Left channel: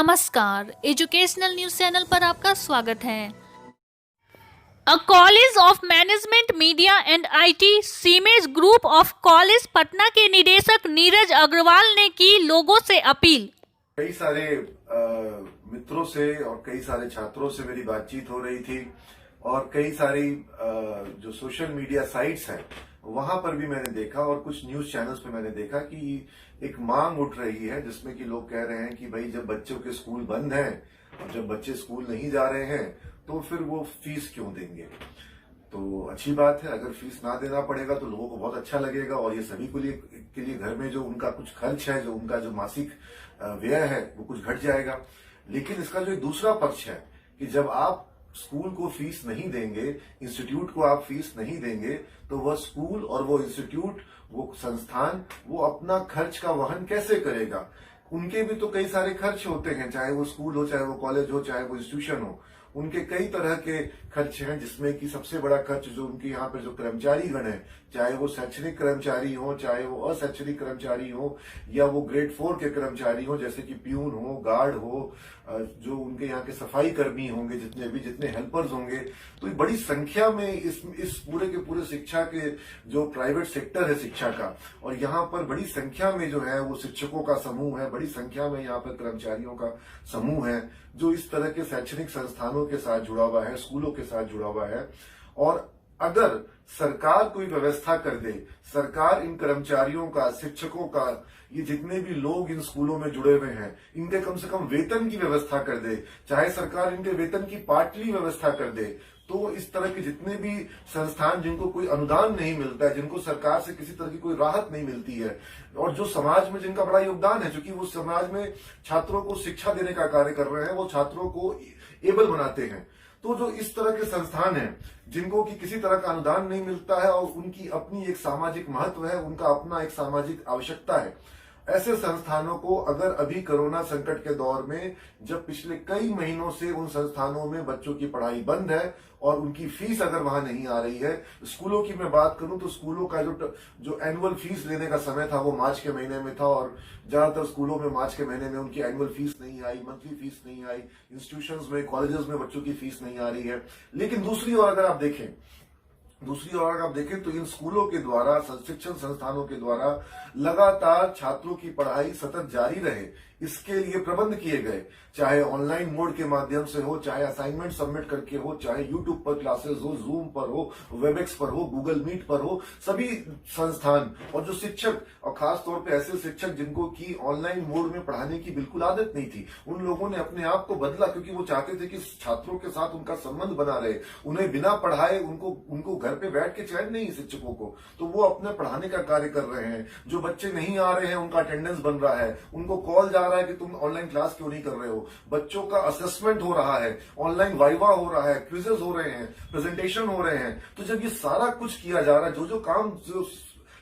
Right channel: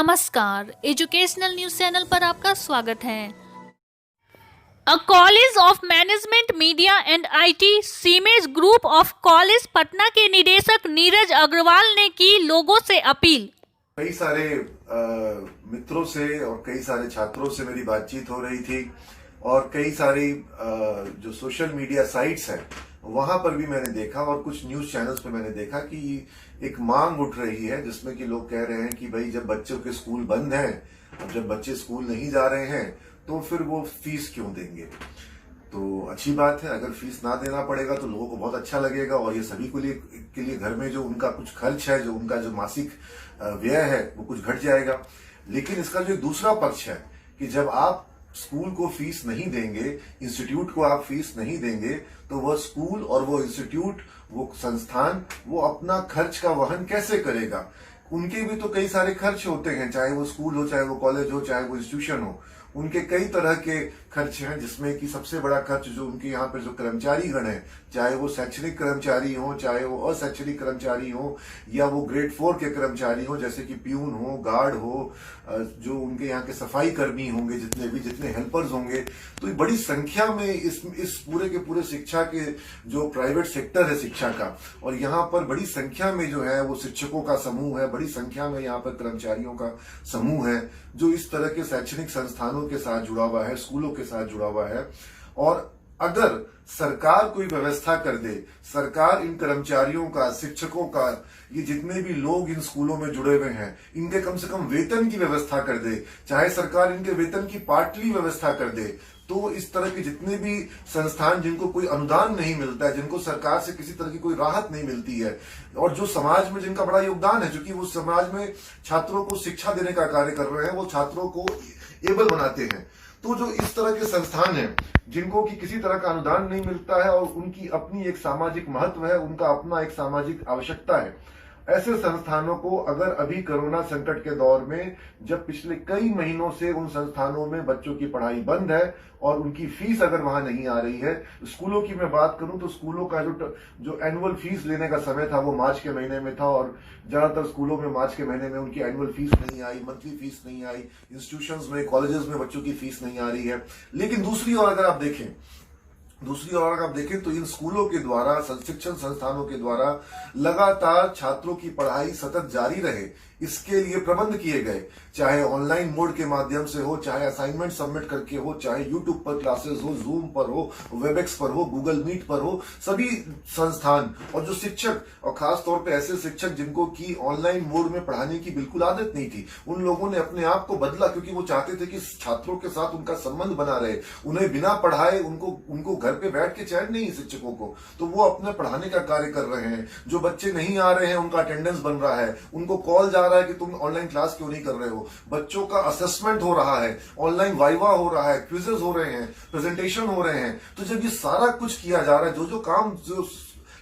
नमस्कार, educational news channel पर आपका स्वागत है। Uh college of management media and IT CIMAGE group of college Patna के निदेशक नीरज अग्रवाल ने की लोगों से अपील। कई सारे मित्रों से और कई सारे छात्रों से मेरी बातचीत हो रही थी और कई सारी जो सोशल मीडिया साइट्स हैं वहां पर भी मैंने देखा और कुछ न्यूज चैनल्स पे मैंने देखा कि एक मांग उठ रही है जिसमें कि लोग कह रहे हैं कि भाई जब बच्चों के स्कूल बंद हैं और जब बच्चे स्कूल नहीं जा रहे हैं तो फिर वो फीस क्यों देंगे। तो अच्छी बात है, अगर फीस ना देना पड़ेगा तो लोगों को बहुत अच्छा लगेगा और ये सभी के लिए घर में जो उनका कुछ खर्च है, जो उनका जो मासिक व्यय है वो कुछ घट जाएगा। लेकिन इसका जो दूसरा पक्ष है कि जब आप स्कूल को फीस नहीं देंगे, इंस्टीट्यूट को आप फीस नहीं देंगे तो वह स्कूल और वो इंस्टीट्यूट, वो संस्थान, वो अपना खर्च का वहन कैसे करेगा। उनके भी तो कई सारे खर्च होते हैं, चाहे वो स्कूल हो, चाहे वो कॉलेज हो, चाहे वो इंस्टीट्यूशन हो। उनके कई तरह के खर्च हैं जिसमें कि सबसे बड़ा खर्च जो उनके यहाँ पे जो कर्मचारी गण है, चाहे वो शैक्षणिक कर्मचारी हो, चाहे वो अशैक्षणिक कर्मचारी हो या वो ग्रेड 4 के कर्मचारी हो जैसे कि प्यून हो, गार्ड हो, जो उनके यहाँ के सफाई कर्मी होंगे, जितने हेल्पर्स होंगे, तो ये बड़ी संख्या में इस पूरे के पूरे शिक्षा के जो प्राइवेट सेक्टर है शिक्षा का, और यहाँ पर बड़ी संख्या में जो है वो शिक्षकों का समूह है, बड़ी संख्या में यहाँ पर कर्मचारियों का समूह है जो इस तरह के शैक्षणिक संस्थानों के साथ जुड़ा हुआ है, स्कूलों के साथ जुड़ा हुआ है। और अगर सरकार कोई व्यवस्था कर दे, सरकार इन कर्मचारियों का, शिक्षकों का, ये जितने भी लोग इन स्कूलों में जुड़े हुए हैं, इनके कम से कम वेतन की व्यवस्था कर दे, चाहे सरकार इनके वेतन की पार्टली व्यवस्था कर दे, तो इस तरह के जितने भी संस्थान जिनको कोई अनुदान नहीं मिलता है, जिनको सरकार से किसी तरह की कोई राहत नहीं मिलती है और जो समाज में जिनका बड़ा योगदान है, क्योंकि वो समाज में छात्रों को शिक्षा देने का कार्य कर रहे हैं, वो छात्रों को एबल बनाते हैं, तो जो इस तरह के संस्थान हैं जिनको कि किसी तरह का अनुदान नहीं मिलता है और उनकी अपनी एक सामाजिक महत्व है, उनका अपना एक सामाजिक आवश्यकता है, ऐसे संस्थानों को अगर अभी कोरोना संकट के दौर में जब पिछले कई महीनों से उन संस्थानों में बच्चों की पढ़ाई बंद है और उनकी फीस अगर वहां नहीं आ रही है, स्कूलों की मैं बात करूं तो स्कूलों का जो एनुअल फीस लेने का समय था वो मार्च के महीने में था और ज्यादातर स्कूलों में मार्च के महीने में उनकी एनुअल फीस नहीं आई, मंथली फीस नहीं आई, इंस्टीट्यूशंस में, कॉलेजेस में बच्चों की फीस नहीं आ रही है। लेकिन दूसरी ओर अगर आप देखें तो इन स्कूलों के द्वारा, शिक्षण संस्थानों के द्वारा लगातार छात्रों की पढ़ाई सतत जारी रहे, इसके लिए प्रबंध किए गए, चाहे ऑनलाइन मोड के माध्यम से हो, चाहे असाइनमेंट सबमिट करके हो, चाहे यूट्यूब पर क्लासेस हो, जूम पर हो, वेबएक्स पर हो, गूगल मीट पर हो, सभी संस्थान और जो शिक्षक, और खास तौर पे ऐसे शिक्षक जिनको की ऑनलाइन मोड में पढ़ाने की बिल्कुल आदत नहीं थी, उन लोगों ने अपने आप को बदला क्योंकि वो चाहते थे कि छात्रों के साथ उनका संबंध बना रहे, उन्हें बिना पढ़ाए उनको घर पे बैठ के चैन नहीं शिक्षकों को, तो वो अपने पढ़ाने का कार्य कर रहे हैं। जो बच्चे नहीं आ रहे हैं उनका अटेंडेंस बन रहा है, उनको कॉल जा रहा है कि तुम ऑनलाइन क्लास क्यों नहीं कर रहे हो, बच्चों का असेसमेंट हो रहा है, ऑनलाइन वाइवा हो रहा है, क्विजेस हो रहे हैं, प्रेजेंटेशन हो रहे हैं। तो जब ये सारा कुछ किया जा रहा है, जो काम जो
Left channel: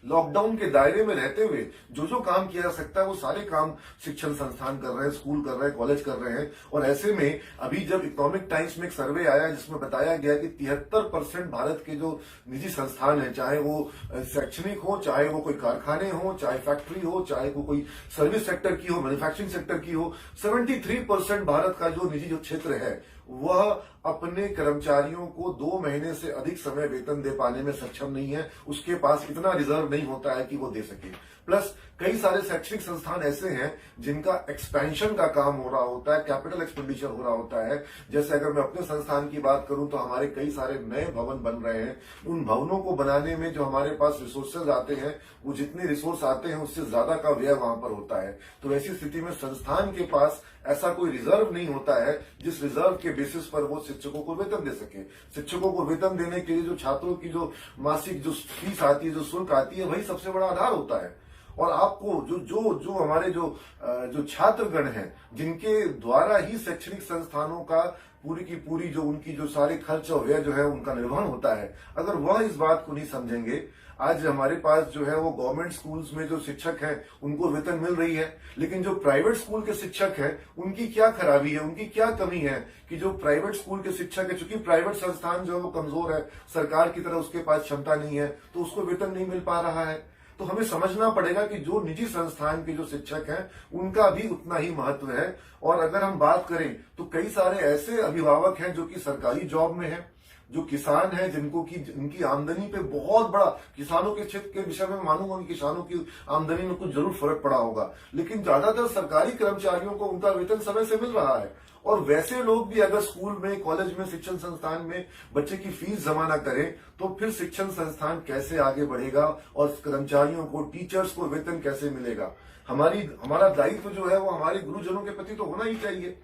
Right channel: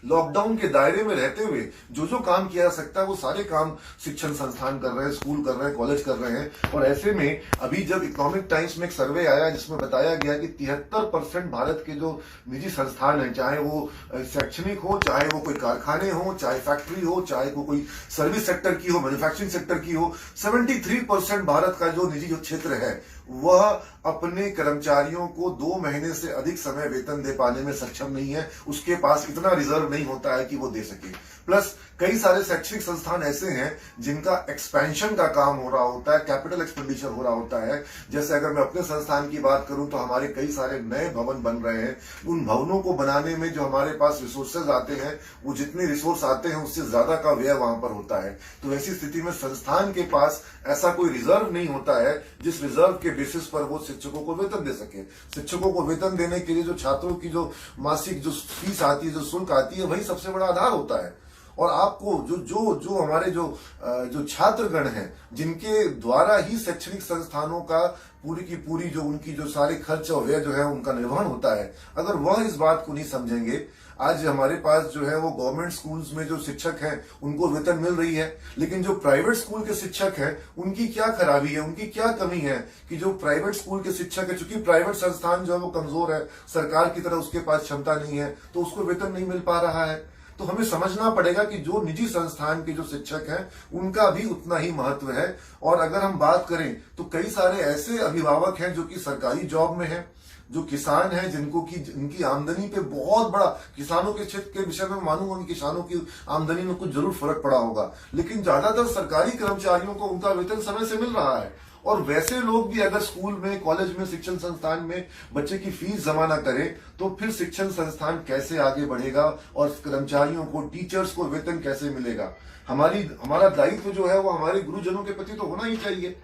लॉकडाउन के दायरे में रहते हुए जो काम किया जा सकता है वो सारे काम शिक्षण संस्थान कर रहे हैं, स्कूल कर रहे हैं, कॉलेज कर रहे हैं। और ऐसे में अभी जब इकोनॉमिक टाइम्स में एक सर्वे आया जिसमें बताया गया कि 73% भारत के जो निजी संस्थान है, चाहे वो शैक्षणिक हो, चाहे वो कोई कारखाने हो, चाहे फैक्ट्री हो, चाहे वो कोई सर्विस सेक्टर की हो, मैन्युफैक्चरिंग सेक्टर की हो, 73% भारत का जो निजी जो क्षेत्र है वह अपने कर्मचारियों को 2 महीने से अधिक समय वेतन दे पाने में सक्षम नहीं है, उसके पास इतना रिजर्व नहीं होता है कि वो दे सके। प्लस कई सारे शैक्षणिक संस्थान ऐसे हैं जिनका एक्सपेंशन का काम हो रहा होता है, कैपिटल एक्सपेंडिचर हो रहा होता है। जैसे अगर मैं अपने संस्थान की बात करूं तो हमारे कई सारे नए भवन बन रहे हैं, उन भवनों को बनाने में जो हमारे पास रिसोर्सेज आते हैं, वो जितने रिसोर्स आते हैं उससे ज्यादा का व्यय वहां पर होता है। तो ऐसी स्थिति में संस्थान के पास ऐसा कोई रिजर्व नहीं होता है जिस रिजर्व के बेसिस पर वो शिक्षकों को वेतन दे सके। शिक्षकों को वेतन देने के लिए जो छात्रों की जो मासिक जो फीस आती है, जो शुल्क आती है, वही सबसे बड़ा आधार होता है। और आपको जो हमारे जो छात्रगण हैं जिनके द्वारा ही शैक्षणिक संस्थानों का पूरी की पूरी जो उनकी जो सारे खर्च और व्यय जो है उनका निर्वहन होता है, अगर वह इस बात को नहीं समझेंगे, आज हमारे पास जो है वो गवर्नमेंट स्कूल्स में जो शिक्षक हैं उनको वेतन मिल रही है, लेकिन जो प्राइवेट स्कूल के शिक्षक हैं उनकी क्या खराबी है, उनकी क्या कमी है कि जो प्राइवेट स्कूल के शिक्षक है, चूंकि प्राइवेट संस्थान जो है वो कमजोर है, सरकार की तरह उसके पास क्षमता नहीं है, तो उसको वेतन नहीं मिल पा रहा है। तो हमें समझना पड़ेगा कि जो निजी संस्थान के जो शिक्षक हैं उनका भी उतना ही महत्व है। और अगर हम बात करें तो कई सारे ऐसे अभिभावक हैं जो कि सरकारी जॉब में हैं, जो किसान हैं जिनको की उनकी आमदनी पे बहुत बड़ा, किसानों के क्षेत्र के विषय में मैं मानूंगा कि किसानों की आमदनी में कुछ जरूर फर्क पड़ा होगा, लेकिन ज्यादातर सरकारी कर्मचारियों को उनका वेतन समय से मिल रहा है। और वैसे लोग भी अगर स्कूल में, कॉलेज में, शिक्षण संस्थान में बच्चे की फीस जमा ना करें तो फिर शिक्षण संस्थान कैसे आगे बढ़ेगा और कर्मचारियों को, टीचर्स को वेतन कैसे मिलेगा। हमारा दायित्व जो है वो हमारे गुरुजनों के प्रति तो होना ही चाहिए।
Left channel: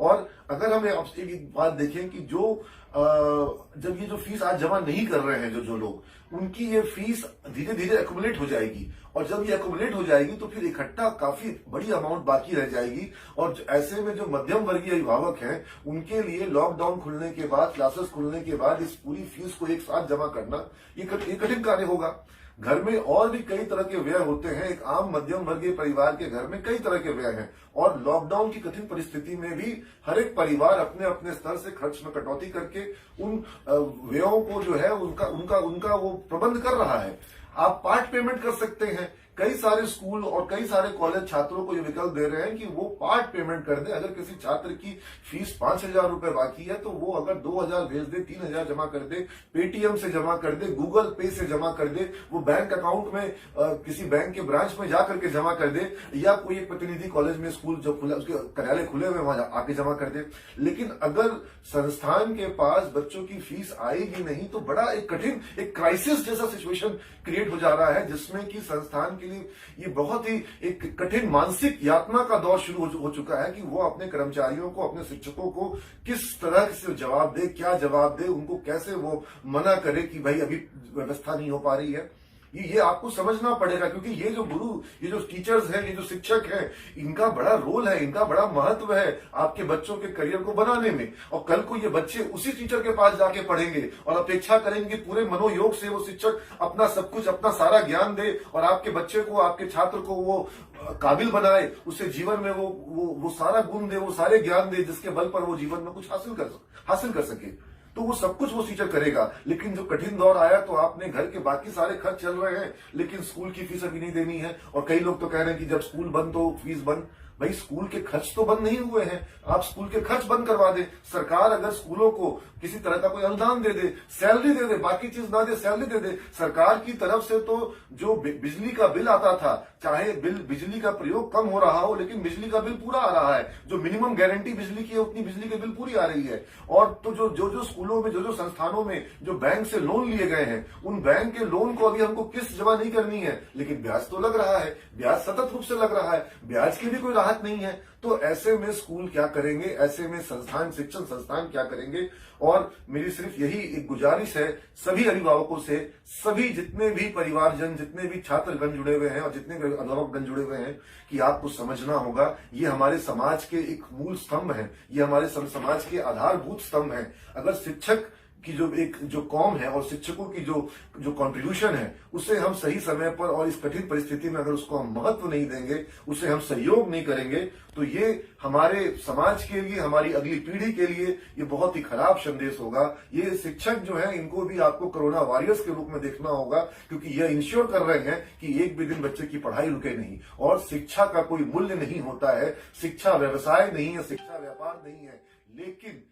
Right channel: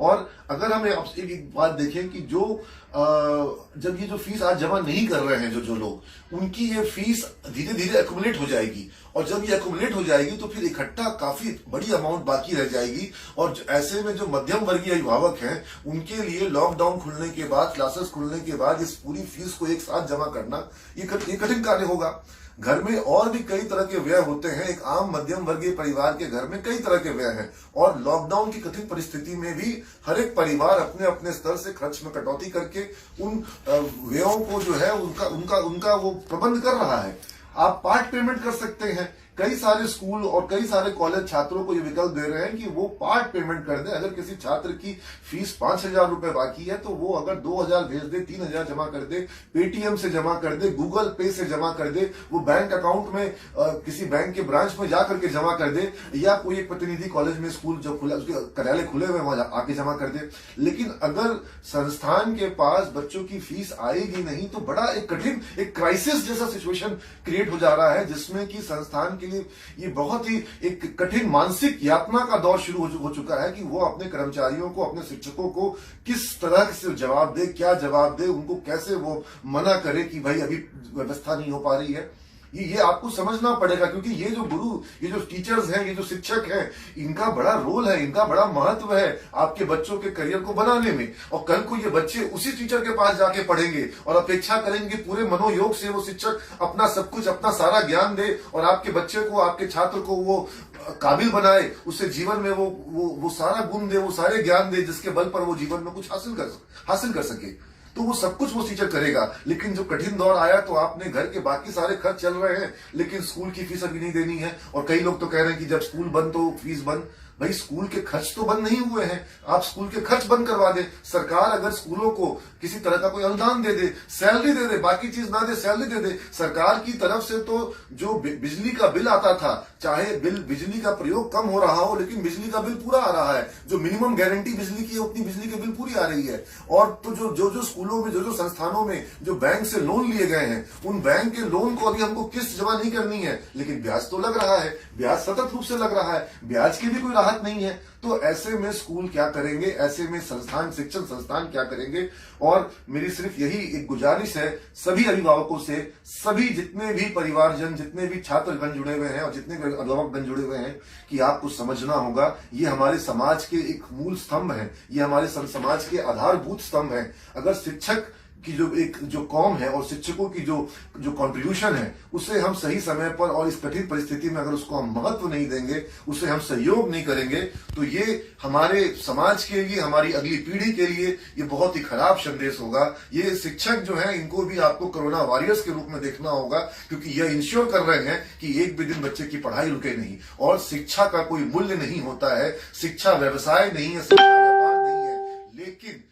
और अगर हमें अब एक बात देखें कि जब ये जो फीस आज जमा नहीं कर रहे हैं जो लोग, उनकी ये फीस धीरे धीरे एक्युमुलेट हो जाएगी, और जब ये एक्युमुलेट हो जाएगी तो फिर इकट्ठा काफी बड़ी अमाउंट बाकी रह जाएगी। और ऐसे में जो मध्यम वर्गीय अभिभावक हैं उनके लिए लॉकडाउन खुलने के बाद, क्लासेस खुलने के बाद इस पूरी फीस को एक साथ जमा करना ये कठिन कार्य होगा। घर में और भी कई तरह के व्यय होते हैं, एक आम मध्यम वर्गीय परिवार के घर में कई तरह के व्यय हैं, और लॉकडाउन की कठिन परिस्थिति में भी हर एक परिवार अपने अपने स्तर से खर्च में कटौती करके उन व्ययों को जो है उनका वो प्रबंध कर रहा है। आप पार्ट पेमेंट कर सकते हैं। कई सारे स्कूल और कई सारे कॉलेज छात्रों को ये विकल्प दे रहे हैं कि वो पार्ट पेमेंट कर दे। अगर किसी छात्र की फीस 5,000 रुपए बाकी है तो वो अगर 2,000 भेज दे, 3,000 जमा कर दे, पेटीएम से जमा कर दे, गूगल पे से जमा कर दे, वो बैंक अकाउंट में किसी बैंक के ब्रांच में जा करके जमा कर दे, या कोई एक प्रतिनिधि कॉलेज में, स्कूल जो खुला, उसके कार्यालय खुले हुए वहां आके जमा कर दे। लेकिन अगर संस्थान के पास बच्चों की फीस आएगी नहीं तो बड़ा एक कठिन, एक क्राइसिस जैसा सिचुएशन क्रिएट हो जा रहा है, जिसमें कि संस्थान के लिए ये बहुत ही एक कठिन मानसिक यातना का दौर शुरू हो चुका है कि वो अपने कर्मचारियों को, अपने शिक्षकों को किस तरह से जवाब दे, क्या जवाब दे, उनको कैसे वो मना करे कि भाई अभी व्यवस्था नहीं हो पा रही है। ये आपको समझना पड़ेगा, क्योंकि ये जो गुरु, ये जो टीचर्स हैं, ये जो शिक्षक हैं, इनका बड़ा रोल है, इनका बड़ा महत्व है आपके बच्चों के करियर को बनाने में। और कल को ये बच्चे उसी टीचर के पास जाके पढ़ेंगे और अपेक्षा करेंगे पूरे मनोयोग से वो शिक्षक अपना सब कुछ, अपना सारा ज्ञान दे और आपके बच्चे को, आपके छात्र को वो काबिल बनाए, उससे जीवन में वो सारा गुण दे, वो सारे ज्ञान दे जिसके बल पर वो जीवन में कुछ हासिल कर सके। तो वो सब कुछ वो टीचर करेगा। लेकिन जो कठिन दौर आया तो आपने घर के बाकी सारे खर्च चल रहे हैं, लेकिन स्कूल की फीस अभी नहीं देनी है। और कई लोग तो कह रहे हैं कि जब स्कूल बंद तो फीस बंद। भाई स्कूल के खर्च तो बंद नहीं हुए हैं, आप स्कूल के खर्च बंद करवा दें। सरकार अगर स्कूलों को किसी तरह का कोई अनुदान दे दे, सैलरी दे दे, बाकी चीज ना दे, सैलरी दे दे। सरकार की तरफ से तो जो बिजली का बिल आता था, चाहे बिजली का प्रयोग कम हो रहा हो, लेकिन बिजली का बिल पूरा आ रहा है। जो मिनिमम गारंटी बिजली की है उतनी बिजली के बिल पूरी आ रही है। और तो जो स्कूलों में, जो संस्थानों में जो बैंक से लोन लिए गए हैं, उन बैंक के लोन को अभी हमको किस्त जमा नहीं करनी है, लेकिन ब्याज तो लग रहा है, ब्याज सतत रूप से लग रहा है, ब्याज की भी कोई राहत नहीं है। तो ऐसे में स्कूल क्या करेंगे, ऐसे में शिक्षण संस्थान क्या करेंगे। और मेरी सिर्फ यही एक गुजारिश है सभी अभिभावकों से, सभी जितने भी परिवारजन, जितने भी छात्रगण जुड़े हुए हैं और जितने भी अभिभावकगण जुड़े हुए हैं, कि आपको समझना होगा ये हमारे समाज के एक मूल स्तंभ है, ये हमारे समाज के आधारभूत स्तंभ है। अगर शिक्षक की जो कौम है और शिक्षकों की जो कंट्रीब्यूशन है, उसे हम सही समय पर और इस कठिन परिस्थिति में अगर उसको हम महत्व नहीं देंगे, उसे हम सहयोग नहीं करेंगे, तो ये हमारे समाज के लिए, हमारी अगली पीढ़ी के लिए ये बहुत ही खराब संदेश होगा। ये शिक्षक जो है, इनको भी आपको कोरोना वॉरियर्स के रूप में देखना होगा, क्योंकि यह इंश्योर कर रहे हैं कि एक भी दिन बच्चे की पढ़ाई रुके नहीं। और शिक्षा का कोई मूल्य नहीं होता है, शिक्षा व्यवसाय नहीं है, शिक्षा व्यापार नहीं है, लेकिन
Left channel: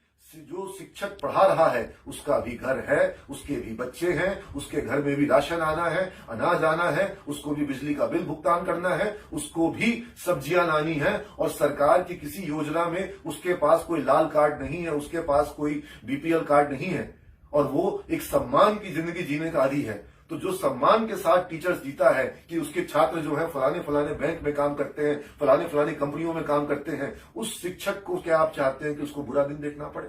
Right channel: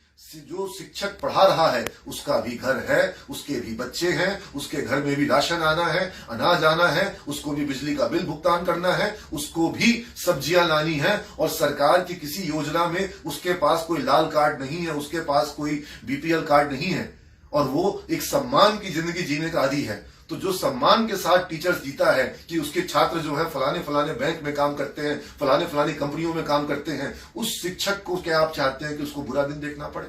जो शिक्षक पढ़ा रहा है उसका भी घर है, उसके भी बच्चे हैं, उसके घर में भी राशन आना है, अनाज आना है, उसको भी बिजली का बिल भुगतान करना है, उसको भी सब्जियां लानी है। और सरकार की किसी योजना में उसके पास कोई लाल कार्ड नहीं है, उसके पास कोई बीपीएल कार्ड नहीं है, और वो एक सम्मान की जिंदगी जीने का आदी है। तो जो सम्मान के साथ टीचर्स जीता है कि उसके छात्र जो है फलाने बैंक में काम करते हैं, फलाने कंपनियों में काम करते हैं, उस शिक्षक को क्या आप चाहते हैं कि उसको बुरा दिन देखना पड़े?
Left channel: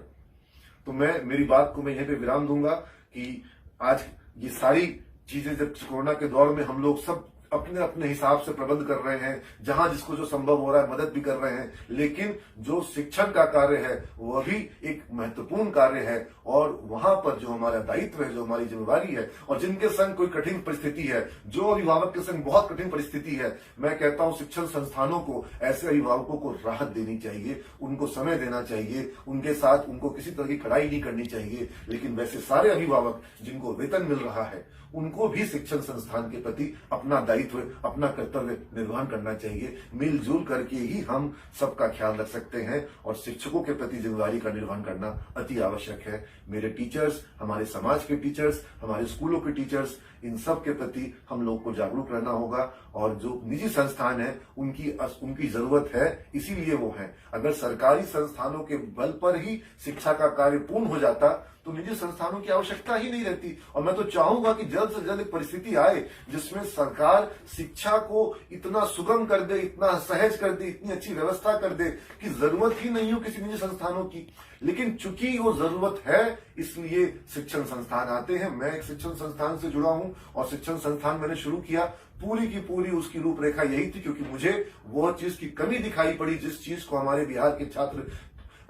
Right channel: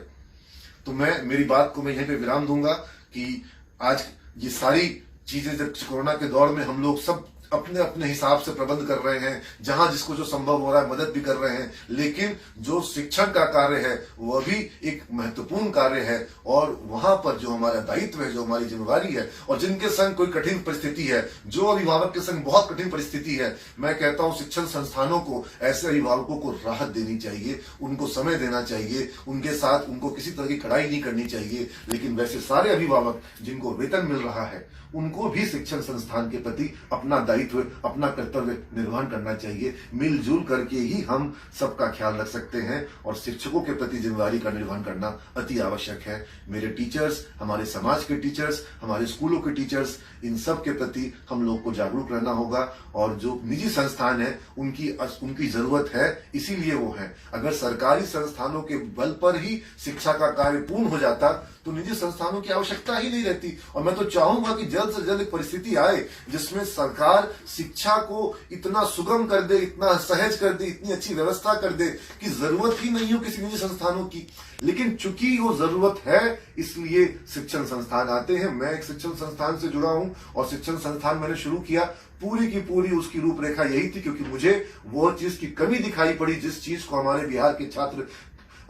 तो मेरी बात को मैं यहीं पे विराम दूंगा कि आज ये सारी चीजें जब कोरोना के दौर में हम लोग सब अपने अपने हिसाब से प्रबंध कर रहे हैं, जहां जिसको जो संभव हो रहा है मदद भी कर रहे हैं, लेकिन जो शिक्षण का कार्य है वह भी एक महत्वपूर्ण कार्य है। और वहां पर जो हमारा दायित्व है, जो हमारी जिम्मेवारी है, और जिनके संग कोई कठिन परिस्थिति है, जो अभिभावक के संग बहुत कठिन परिस्थिति है, मैं कहता हूं शिक्षण संस्थानों को ऐसे अभिभावकों को राहत देनी चाहिए, उनको समय देना चाहिए, उनके साथ उनको किसी तरह की खड़ाई नहीं करनी चाहिए। लेकिन वैसे सारे अभिभावक जिनको वेतन मिल रहा है उनको भी शिक्षण संस्थान के प्रति अपना दायित्व, अपना कर्तव्य निर्वहन करना चाहिए। मिलजुल करके ही हम सबका ख्याल रख सकते हैं और शिक्षकों के प्रति जिम्मेदारी का निर्वहन करना अति आवश्यक है। मेरे टीचर्स, हमारे समाज के टीचर्स, हमारे स्कूलों के टीचर्स, इन सब के प्रति हम लोग को जागरूक रहना होगा। और जो निजी संस्थान है उनकी जरूरत है, इसीलिए वो है। अगर सरकारी संस्थानों के बल पर ही शिक्षा का कार्य पूर्ण हो जाता तो निजी संस्थानों की आवश्यकता ही नहीं रहती। और मैं तो चाहूंगा कि जल्द से जल्द एक परिस्थिति आए जिसमें सरकार शिक्षा को इतना सुगम कर दे, इतना सहज कर दे, इतनी अच्छी व्यवस्था कर दे कि जरूरत ही नहीं हो किसी निजी संस्थानों की। लेकिन चूंकि वो जरूरत है इसलिए शिक्षण संस्थान आते हैं। मैं एक शिक्षण संस्थान से जुड़ा हूं और शिक्षण संस्थान मैंने शुरू किया, पूरी की पूरी उसकी रूपरेखा यही थी, क्योंकि मुझे वो चीज की कमी दिखाई पड़ी जिस चीज को हमारे बिहार के छात्र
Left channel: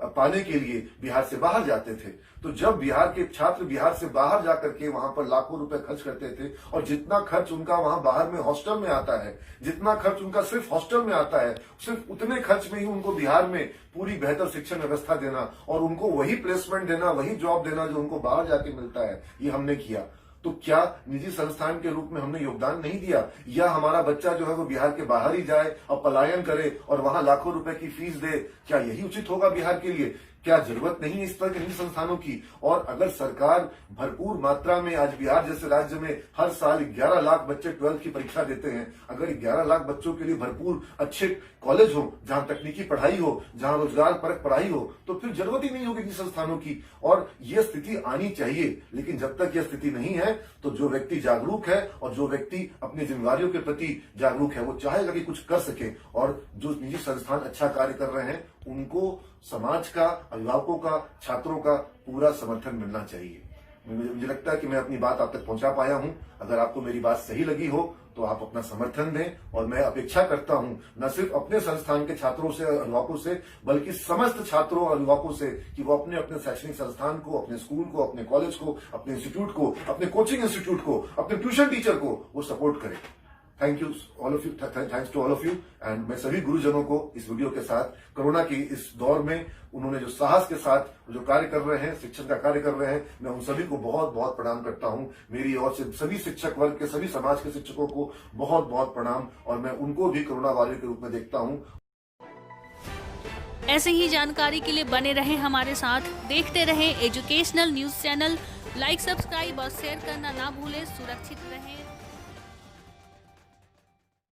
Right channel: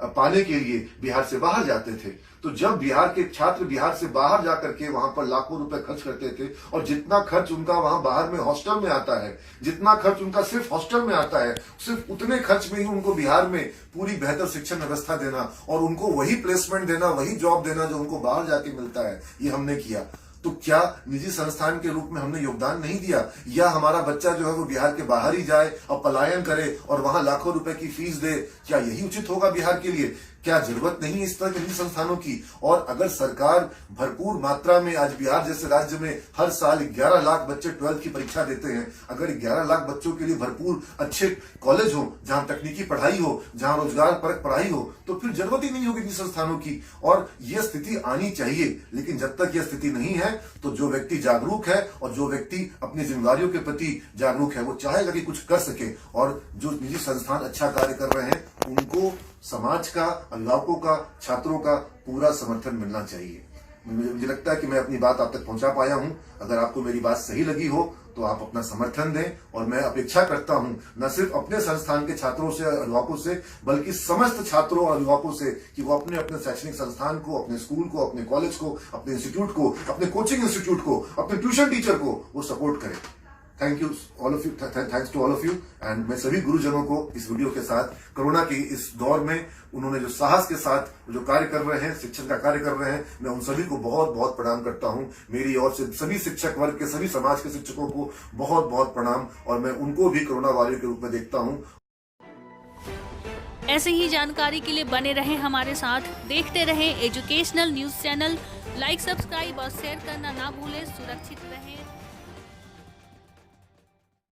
पाने के लिए बिहार से बाहर जाते थे। तो जब बिहार के छात्र बिहार से बाहर जाकर के वहां पर लाखों रुपए खर्च करते थे और जितना खर्च उनका वहां बाहर में हॉस्टल में आता है, जितना खर्च उनका सिर्फ हॉस्टल में आता है, सिर्फ उतने खर्च में ही उनको बिहार में पूरी बेहतर शिक्षण व्यवस्था देना और उनको वही प्लेसमेंट देना, वही जॉब देना जो उनको बाहर जाके मिलता है, ये हमने किया। तो क्या निजी संस्थान के रूप में हमने योगदान नहीं दिया? या हमारा बच्चा जो है वो बिहार के बाहर ही जाए और पलायन करे और वहां लाखों रुपए की फीस दे? क्या यही उचित होगा बिहार के लिए? क्या जरूरत नहीं इस तरह के निजी संस्थानों की? और अगर सरकार भरपूर मात्रा में, आज बिहार जैसे राज्य में हर साल 11 लाख बच्चे 12th की परीक्षा देते हैं, अगर 11 लाख बच्चों के लिए भरपूर अच्छे कॉलेज हो, जहां तकनीकी पढ़ाई हो, जहां रोजगार परक पढ़ाई हो, तो फिर जरूरत ही नहीं होगी निजी संस्थानों की। और यह स्थिति आनी चाहिए। लेकिन जब तक यह स्थिति नहीं है तो जो व्यक्ति जागरूक है और जो व्यक्ति अपनी जिम्मेदारियों के प्रति जागरूक है वो चाहेगा कि कुछ कर सके। और जो निजी संस्थान अच्छा कार्य कर रहे हैं उनको समाज का, अभिभावकों का, छात्रों का पूरा समर्थन मिलना चाहिए। मुझे लगता है कि मैं अपनी बात आप तक पहुंचा पाया हूं। अगर आपको मेरी बात सही लगी हो तो आप अपना समर्थन दें। और मैं अपेक्षा करता हूं न सिर्फ अपने संस्थान के छात्रों से, अभिभावकों से, बल्कि समस्त छात्रों और अभिभावकों से कि वो अपने अपने शैक्षणिक संस्थान को, अपने स्कूल को, अपने कॉलेज को, अपने इंस्टीट्यूट को, अपने कोचिंग इंस्टीट्यूट को, अपने ट्यूशन टीचर को वो सपोर्ट करें। Thank you all of you, thanks to all of you. And मैं सभी गुरुजनों को इस वीडियो के साथ, कोरोना की इस दौर में उन्होंने जो साहस के साथ जो कार्य कर रहे हैं, शिक्षण का कार्य कर रहे हैं, मैं उन सभी को बहुत बहुत प्रणाम करता हूं। मेरी ओर से सभी शिक्षक वर्ग के, सभी समाज के शिक्षकों को बहुत बहुत प्रणाम। और मैं उनको भी कोरोना वॉरियर के रूप में देखता हूं। ऐसे ही जानकारी के लिए बने रहें हमारे साथ, देखते रहें educational news channel. Like, subscribe और शेयर करना ना भूलें। सुरक्षित रहें।